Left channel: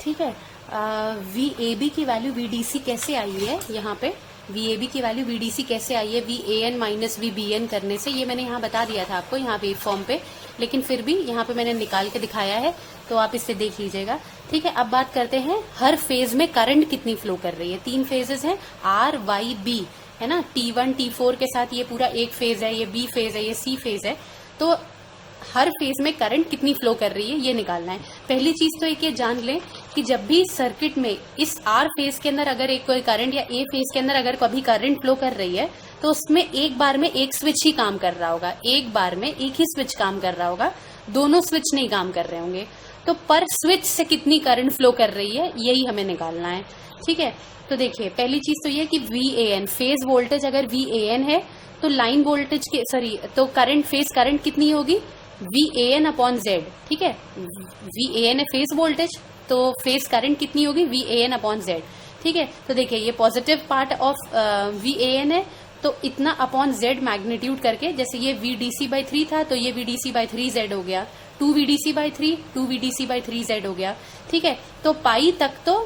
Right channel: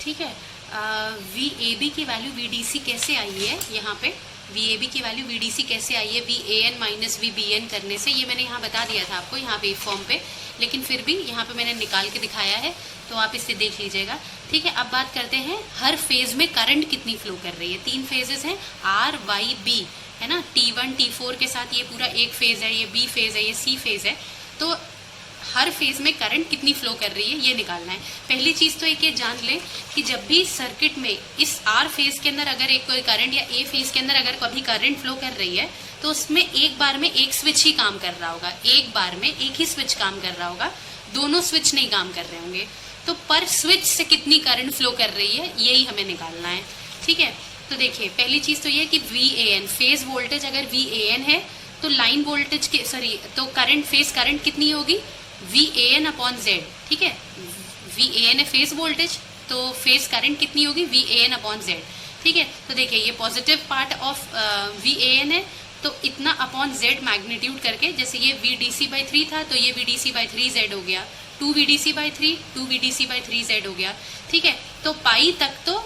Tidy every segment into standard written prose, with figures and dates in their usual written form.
ठीक है। V A B की वैल्यू वी डी सी कैसे आई है, यहाँ पे वी ए बी की वैल्यू वी डी सी कैसे आई है, V A N minus V B N करने से, ये मैंने यहाँ बता दिया था आपको यहाँ पे फॉर्म पे, लेकिन फिर भी यहाँ पे मैंने निकाल के दिखाया है, तो आप इससे देख लीजिएगा। ठीक है, अब बात करते हैं हर फेज में करंट कितनी फ्लो कर रही है। 3 फेजेस हैं, आर वाई बी, है ना। T1 T4 के साथ ये पूरा एक फेज है, ये बी फेज है, ये सी फेज है। तो हर फेज में करंट कितनी फ्लो कर रही है ये निकालना है। पहली चीज़ तो एक ये जान लें कि जब भी सर्किट में इस आर फेज के अंदर अगर एक कोई करंट या ए फेज के अंदर अगर कभी करंट फ्लो कर रही है, तो उसमें एक बार में एक स्विच ही काम कर रहा होगा, एक बार में एक ही स्विच काम कर रहा होगा, दोनों स्विच नहीं काम कर रहे होंगे। तो पर स्विच से कितनी करंट फ्लो कर रही है यही हमें निकालना है। ठीक है, तो देखिए पहली चीज़ तो ये कि V A N phase voltage अगर वी ए एन है तो लाइन वोल्टेज के तो करंट फेज करंट कितनी होगी, V A N upon Z. ठीक है, वी ए एन है फेज वोल्टेज, तो फेज करंट कितनी होगी, V A N upon Z. ठीक है, तो देखिए ये positive part of V A N है, तो इतना अपॉन जेड मैग्नीट्यूड करके, जैसे ये वी डी सी बाई 3 था तो ये V D C by 3 Z हो गया, 2 V D C by 3 2 V D C by 3 Z हो गया। ठीक है, तो पाई तक तो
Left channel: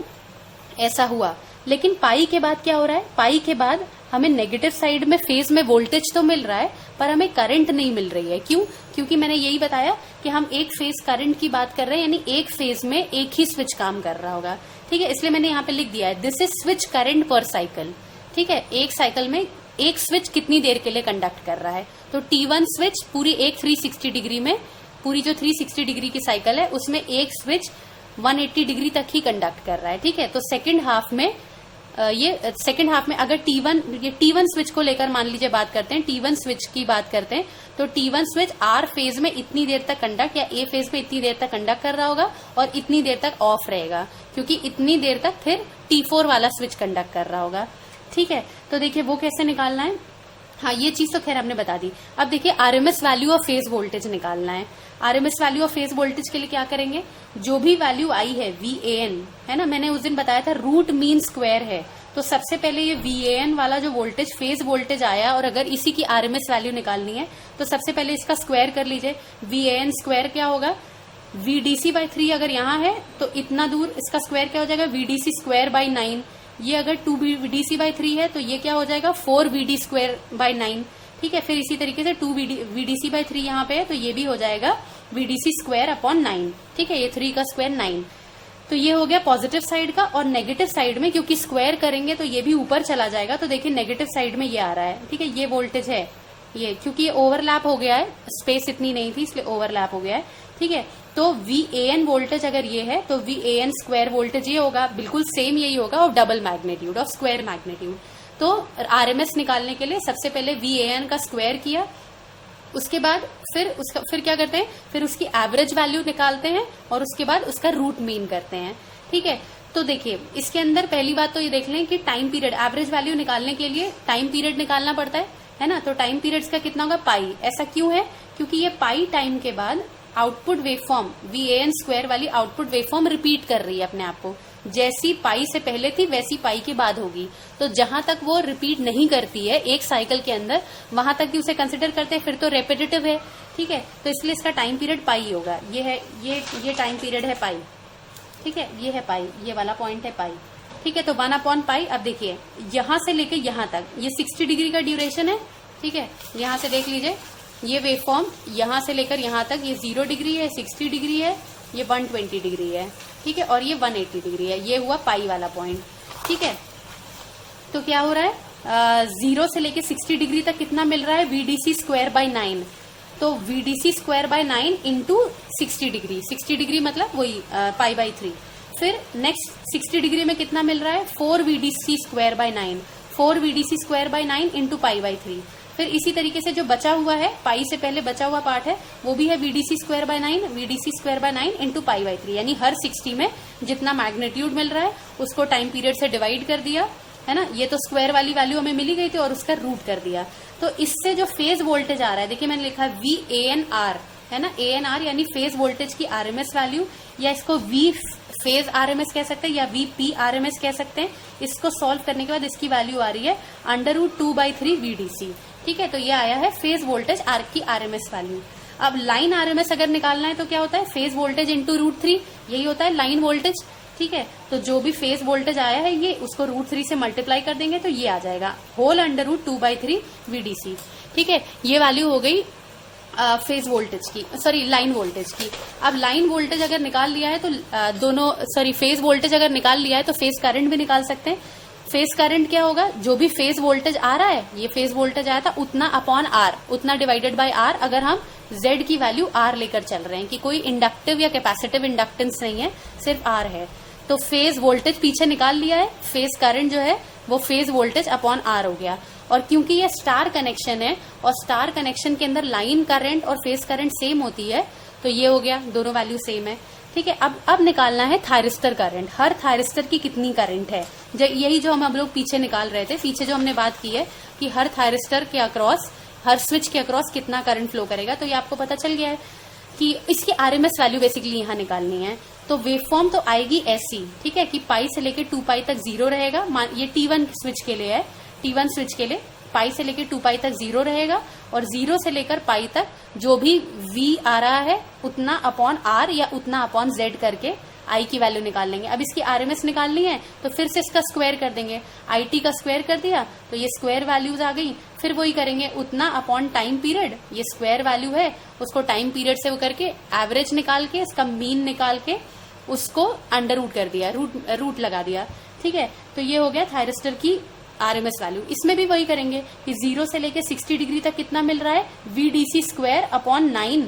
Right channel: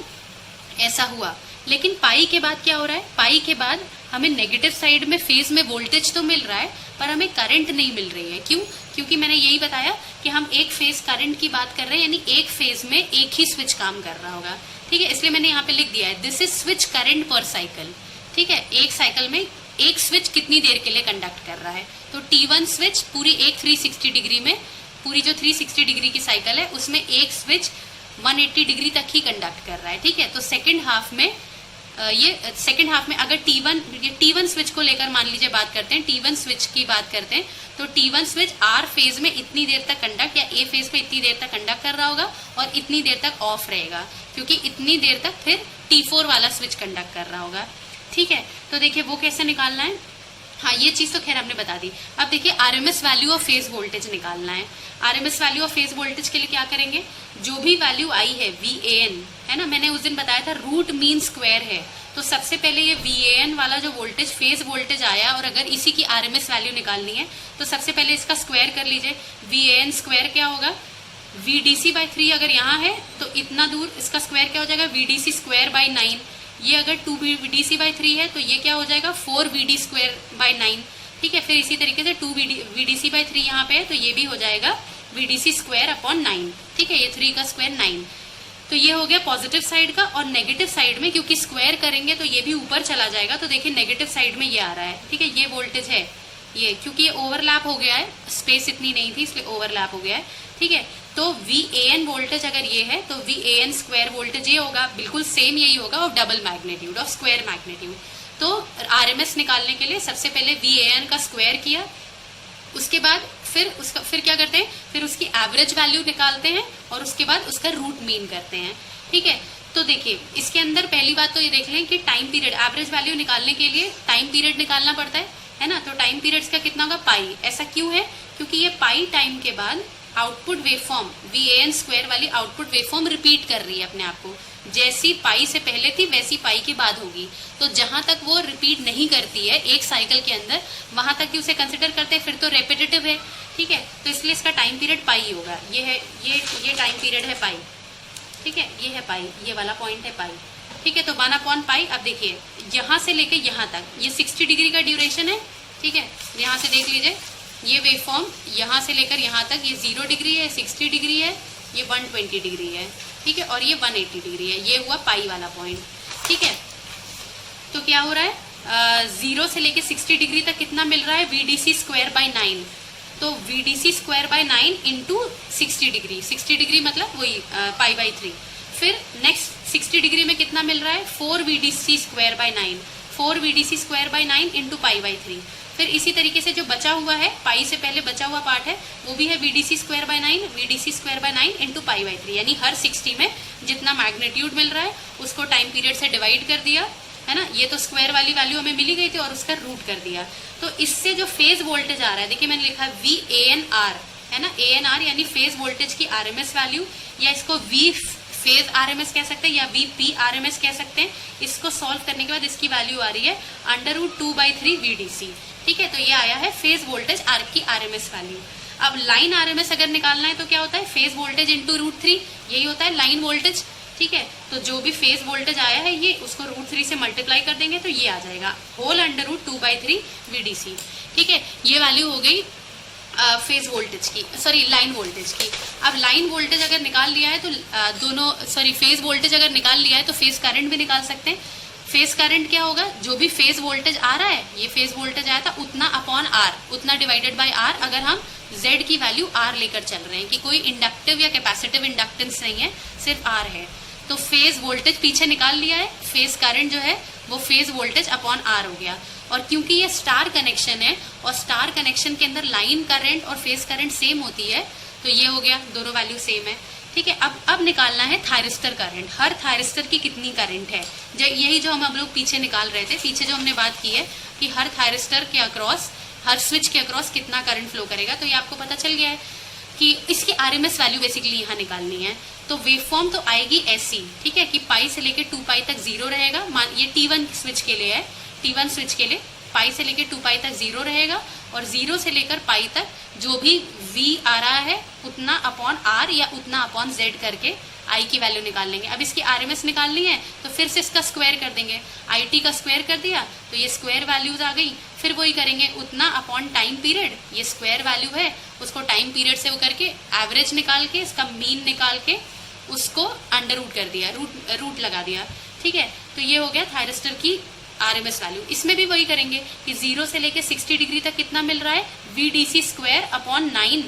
ऐसा हुआ, लेकिन पाई के बाद क्या हो रहा है, पाई के बाद हमें नेगेटिव साइड में फेज में वोल्टेज तो मिल रहा है पर हमें करंट नहीं मिल रही है। क्यों? क्योंकि मैंने यही बताया कि हम एक फेज करंट की बात कर रहे हैं, यानी एक फेज में एक ही स्विच काम कर रहा होगा। ठीक है, इसलिए मैंने यहाँ पे लिख दिया है दिस इज स्विच करंट पर साइकिल। ठीक है, एक साइकिल में एक स्विच कितनी देर के लिए कंडक्ट कर रहा है, तो T1 स्विच पूरी एक 360 डिग्री में, पूरी जो 360 डिग्री की साइकिल है उसमें एक स्विच 180 डिग्री तक ही कंडक्ट कर रहा है। ठीक है, तो सेकेंड हाफ में ये सेकेंड हाफ में अगर T1 स्विच को लेकर मान लीजिए बात करते हैं, T1 स्विच की बात करते हैं, तो T1 स्विच R फेज में इतनी देर तक कंडक्ट या A फेज में इतनी देर तक कंडक्ट कर रहा होगा और इतनी देर तक ऑफ रहेगा, क्योंकि इतनी देर तक फिर T4 वाला स्विच कंडक्ट कर रहा होगा। ठीक है, तो देखिए वो कैसे निकालना है। हाँ, ये चीज़ तो खैर आपने बता दी। अब देखिए RMS value of phase voltage निकालना है। RMS value of phase voltage के लिए क्या करेंगे, जो भी वैल्यू आई है VAN, है ना, मैंने उस दिन बताया था रूट मीन स्क्वायर है, तो सबसे पहले ये VAN वाला जो वोल्टेज फेज वोल्टेज आया और अगर इसी की आरएमएस वैल्यू निकालनी है तो सबसे पहले इसका स्क्वायर कर लीजिए। VAN स्क्वायर क्या होगा, VDC बाई 3 अगर यहाँ है तो इतना दूर इसका स्क्वायर क्या हो जाएगा, VDC स्क्वायर बाई 9। ये अगर 2 VDC बाई 3 है तो ये क्या हो जाएगा 4 VD स्क्वायर बाई 9। ठीक है, फिर इसी तरीके से 2 VDC बाई 3 यहाँ पे है तो ये भी हो जाएगा VDC स्क्वायर अपॉन 9। ठीक है, ये 3 का स्क्वायर 9। तो ये हो गया पॉजिटिव साइड का। और नेगेटिव साइड में क्योंकि स्क्वायर करेंगे तो ये भी ऊपर चला जाएगा, तो देखिए नेगेटिव साइड में ये आ रहा है। ठीक है, ये वोल्टेज है ये, क्योंकि ये ओवरलैप हो गया है, स्पेस इतनी नहीं थी इसलिए ओवरलैप हो गया है। ठीक है, तो VAN वोल्टेज अगर ये है तो VAN स्क्वायर वोल्टेज ये होगा, बिल्कुल सेम यही होगा और डबल मैग्नीट्यूड और स्क्वायर मैग्नीट्यूड। तो आरएमएस निकालने के लिए सबसे पहले VAN का स्क्वायर किया, उसके बाद फिर क्या करते हैं, फिर उसकी एवरेज वैल्यू निकालते हैं और उसके बाद उसका रूट मीन करते हैं। ठीक है, तो देखिए इसके अंदर पहली बात तो ये देख लें कि टाइम पीरियड, एवरेज वैल्यू निकालने के लिए टाइम पीरियड निकालना पड़ता है ना। तो टाइम पीरियड्स का कितना होगा, पाई। ऐसा क्यों है, क्योंकि ये पाई टाइम के बाद आउटपुट वेवफॉर्म VAN स्क्वायर वाली आउटपुट वेवफॉर्म रिपीट कर रही है अपने आप को, जैसी पाई से पहले थी वैसी पाई के बाद होगी। तो जहां तक वो रिपीट नहीं करती है एक साइकिल के अंदर, वहां तक ही उसे कंसिडर करते हैं, फिर तो रेपिटेटिव है। ठीक है, तो इसलिए इसका टाइम पीरियड पाई होगा। ये है ये टाइम पीरियड है पाई। ठीक है, ये है पाई, ये वाला पॉइंट है पाई। ठीक है, तो 1 अपॉन पाई। अब देखिए यहाँ से लेके यहाँ तक ये 60 डिग्री का ड्यूरेशन है। ठीक है, यहाँ से देख लीजिए ये वेवफॉर्म यहाँ से लेकर यहाँ तक ये 0 डिग्री है, 60 डिग्री है, ये 120 डिग्री है। ठीक है, और ये 180 डिग्री है। ये हुआ पाई वाला पॉइंट। ठीक है, तो क्या हो रहा है, 0 से लेके 60 डिग्री तक कितना मिल रहा है, VDC स्क्वायर बाई 9। तो VDC square by 9 into 60 degree, 60 degree मतलब वही पाई बाई 3। फिर नेक्स्ट 60 डिग्री में कितना मिल रहा है, 4 VDC square by 9, 4 VDC square by 9 into pi by 3। फिर इसी तरीके से जो बचा हुआ है, पाई से पहले बचा हुआ पार्ट है, वो भी है VDC square by 9, VDC square by 9 into pi by 3। यानी हर 60 में जितना मैग्नीट्यूड मिल रहा है उसको टाइम पीरियड से डिवाइड कर दिया, है ना। ये तो स्क्वायर वाली वैल्यू हमें मिली गई थी और उसका रूट कर दिया। तो इससे जो फेज वोल्टेज आ रहा है, देखिए मैंने लिखा VANR, है ना, ANR यानी फेज वोल्टेज की RMS वैल्यू, या इसको V फेज RMS कह सकते हैं या VP RMS कह सकते हैं। इसको सॉल्व करने के बाद इसकी वैल्यू आ रही है √2/3 VDC। ठीक है, तो ये आया है फेज वोल्टेज R की RMS वैल्यू। अब लाइन RMS अगर निकालना है तो क्या होता है, फेज वोल्टेज इंटू √3, यही होता है लाइन वोल्टेज। ठीक है, तो जो भी फेज वोल्टेज आया है ये उसको √3 से मल्टीप्लाई कर देंगे तो ये आ जाएगा होल अंडर रूट 2/3 VDC। ठीक है, ये वैल्यू हो गई फेज वोल्टेज की, सॉरी लाइन वोल्टेज की। अब लाइन वोल्टेज अगर निकाल लिया है तो फेज वोल्टेज अगर निकाल लिया है तो फेज करंट भी निकाल सकते हैं। फेज करंट क्या होगा, जो भी फेज वोल्टेज आ रहा है, ये फेज वोल्टेज आया था उतना अपॉन आर, उतना डिवाइडेड बाय आर, अगर हम जेड की वैल्यू आर लेकर चल रहे हैं कि कोई इंडक्टिव या कैपेसिटिव इंडक्टेंस नहीं है, सिर्फ आर है, तो फेज वोल्टेज पीछे निकाल लिया है, फेज करंट जो है वो फेज वोल्टेज अपॉन आर हो गया। और क्योंकि ये स्टार कनेक्शन है और स्टार कनेक्शन के अंदर लाइन करंट और फेज करंट सेम होती है, तो ये हो गया, दोनों वैल्यू सेम है। ठीक है, अब निकालना है थायरिस्टर करंट, हर थायरिस्टर की कितनी करंट है, यही जो हम लोग पीछे निकाल रहे थे, पीछे जो हमने बात की है कि हर थायरिस्टर के अक्रॉस, हर स्विच के अक्रॉस कितना करंट फ्लो करेगा, तो ये आपको पता चल गया है कि इसकी आरएमएस वैल्यू बेसिकली यहाँ निकालनी है। तो वेवफॉर्म तो आएगी ऐसी, ठीक है, कि पाई से लेके 2π तक 0 रहेगा, ये T1 स्विच के लिए है, T1 स्विच के लिए पाई से लेके 2π तक 0 रहेगा, और 0 से लेकर पाई तक जो भी V आ रहा है उतना अपॉन R या उतना अपॉन Z करके I की वैल्यू निकाल लेंगे। अब इसकी RMS निकालनी है तो फिर से इसका स्क्वायर कर देंगे, IT का स्क्वायर कर दिया तो ये स्क्वायर वैल्यूज आ गई, फिर वही करेंगे उतना अपॉन टाइम पीरियड, ये स्क्वायर वैल्यू है उसको टाइम पीरियड से वो करके एवरेज निकाल के, इसका मीन निकाल के उसको अंडर रूट कर दिया, रूट लगा दिया। ठीक है, तो ये हो गया थायरिस्टर की RMS वैल्यू। इसमें भी वही करेंगे कि 0 से लेके 60 डिग्री तक कितना मिल रहा है, VDC स्क्वायर अपॉन 9,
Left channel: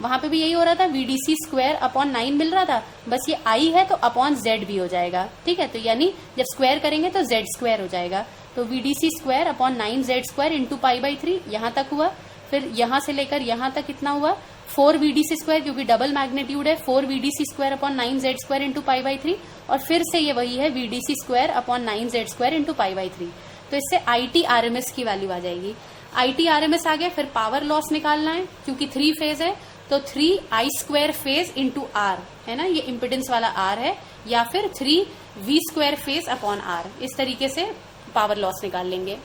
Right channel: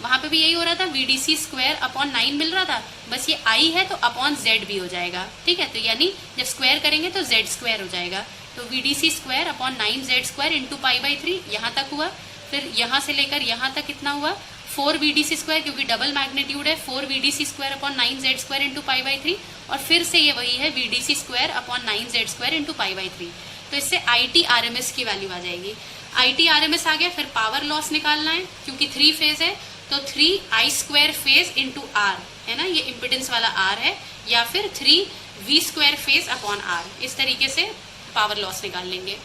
वहां पे भी यही हो रहा था, VDC स्क्वायर अपॉन 9 मिल रहा था, बस ये I है तो अपॉन Z भी हो जाएगा। ठीक है, तो यानी जब स्क्वायर करेंगे तो Z स्क्वायर हो जाएगा, तो VDC square upon 9Z square into π/3 यहाँ तक हुआ। फिर यहाँ से लेकर यहाँ तक कितना हुआ, 4 VDC स्क्वायर, क्योंकि डबल मैग्नीट्यूड है, 4 VDC square upon 9Z square into π/3, और फिर से ये वही है VDC square upon 9Z square into π/3। तो इससे IT RMS की वैल्यू आ जाएगी। IT RMS आ गया, फिर पावर लॉस निकालना है, क्योंकि 3 फेज है तो 3I square phase into R है ना, ये इम्पिडेंस वाला R है, या फिर 3V square phase upon R, इस तरीके से पावर लॉस निकाल लेंगे।